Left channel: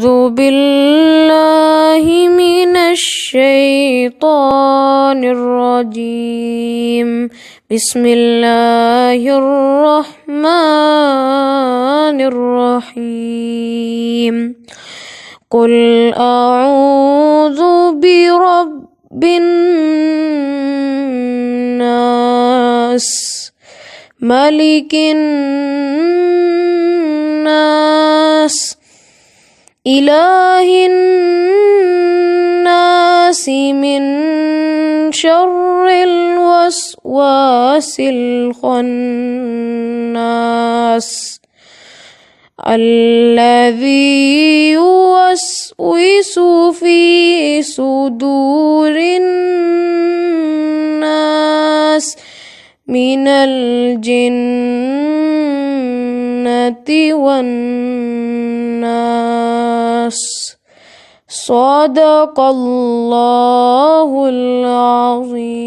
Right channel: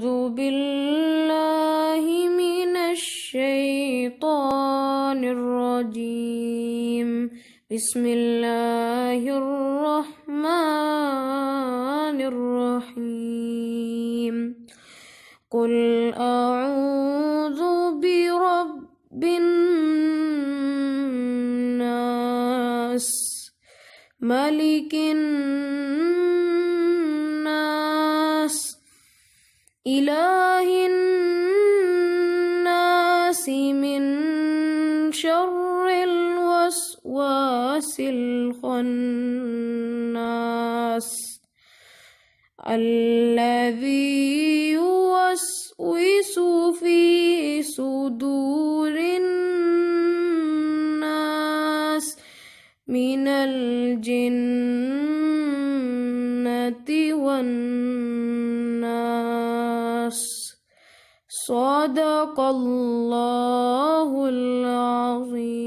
أعوذ بالله من الشيطان الرجيم. بسم الله الرحمن الرحيم. قل أعوذ برب الناس ملك الناس إله الناس من شر الوسواس الخناس الذي يوسوس في صدور الناس من الجنة والناس. صدق الله العظيم.